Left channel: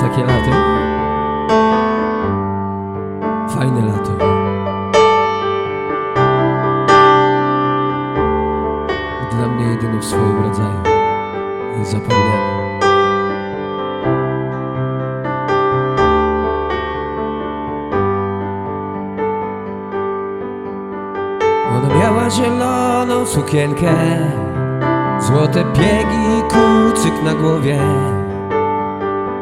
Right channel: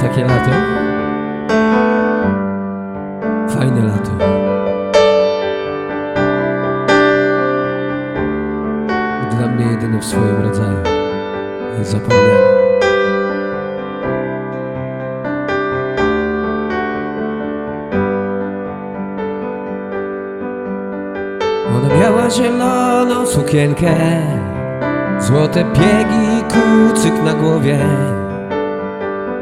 takie lato? Fajne lato. Dla mnie jedyne w swoim rodzaju. Niezapomniane. Ona miała zieloną sukienkę Złote piegi kucyk na głowie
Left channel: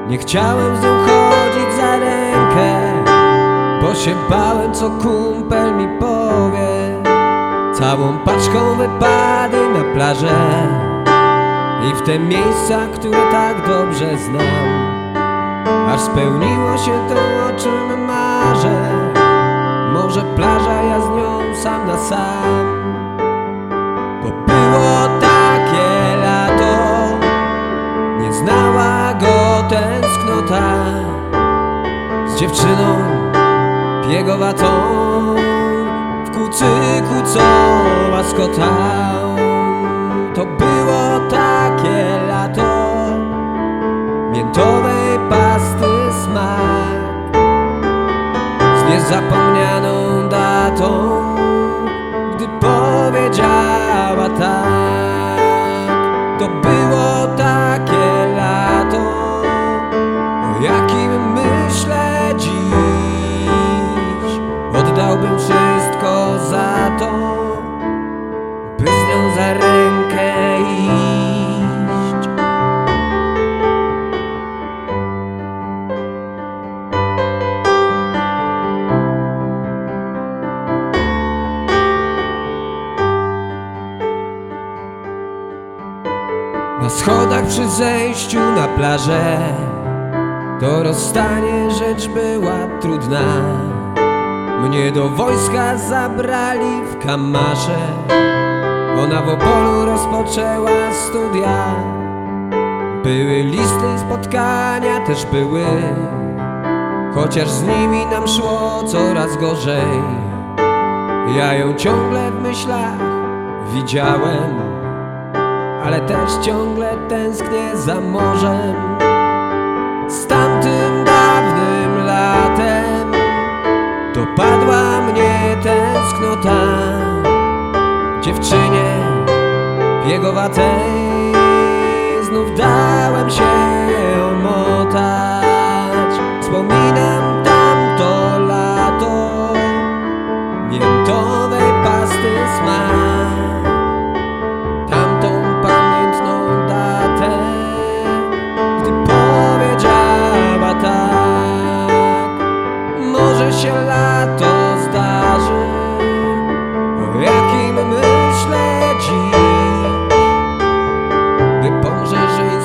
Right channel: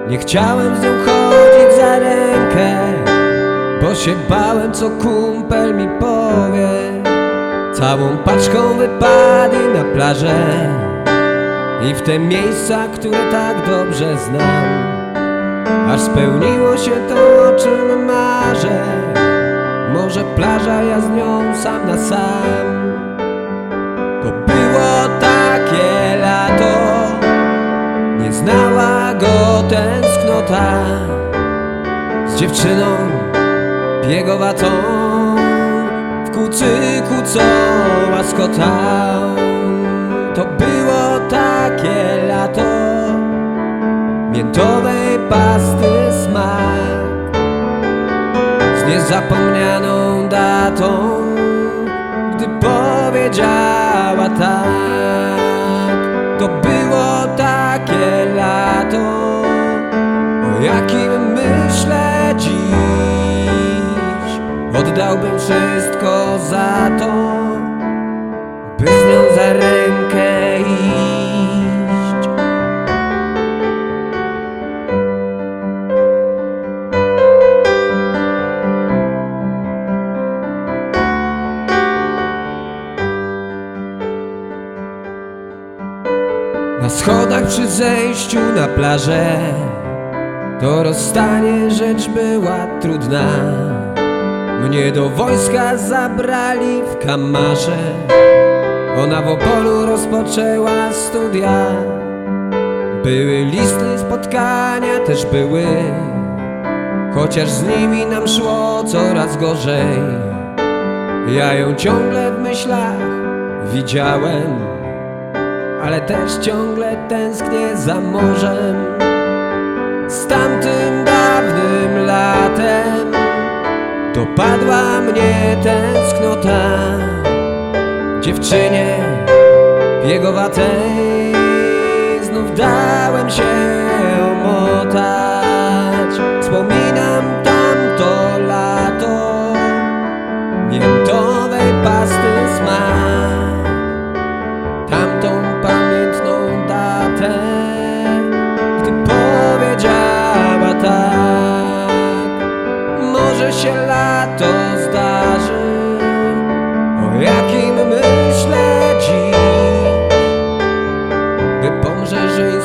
Nie chciałem z nią chodzić za rękę Bo się bałem co kumpel mi powie. Całą paczką wypady na plażę I w te miejsca, które tak dobrze znam. Aż spełniło się to, o czym marzę. Może plaża, ja z nią sam na sam. To było takie Nie znała go tęsknota Z dziewczyną biegowatą W kucyku co łaskotał To było takie lato. Miętowej pasty smak Z niezapomnianą datą Gdy powiedziała tak. To było takie lato O jakim myślę dziś. Oddałbym wszystko za to Na schodach przy zejściu na plażę To rozstanie rzecz była trudna. Mnie do wojska zabrali w kamarze. Ona w Opolu rozpoczęła studia. Były listy, spotkania też były. Chociaż z nimi nam szło coraz gorzej. Ja ją ciągle w myślach widziałem ale też ciągle tęsknię za morzem. Z tamtym dawnym latem Dopadła mnie tęsknota. Dziewczynie biegowatej Znów dałem się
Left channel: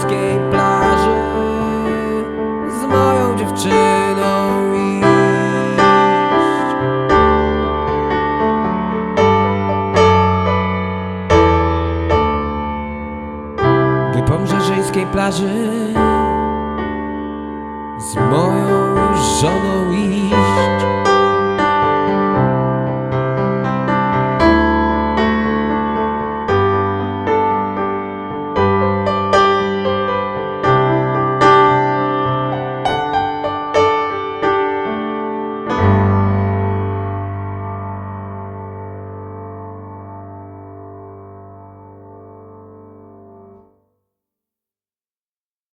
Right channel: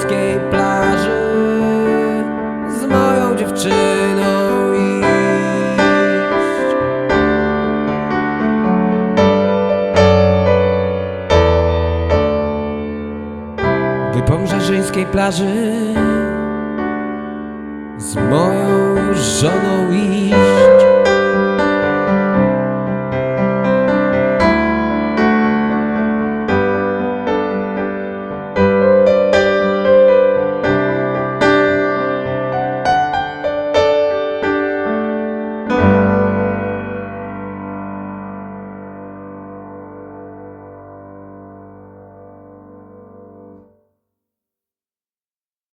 mrzeżyńskiej plaży z moją dziewczyną iść. by po mrzeżyńskiej plaży z moją już żoną iść.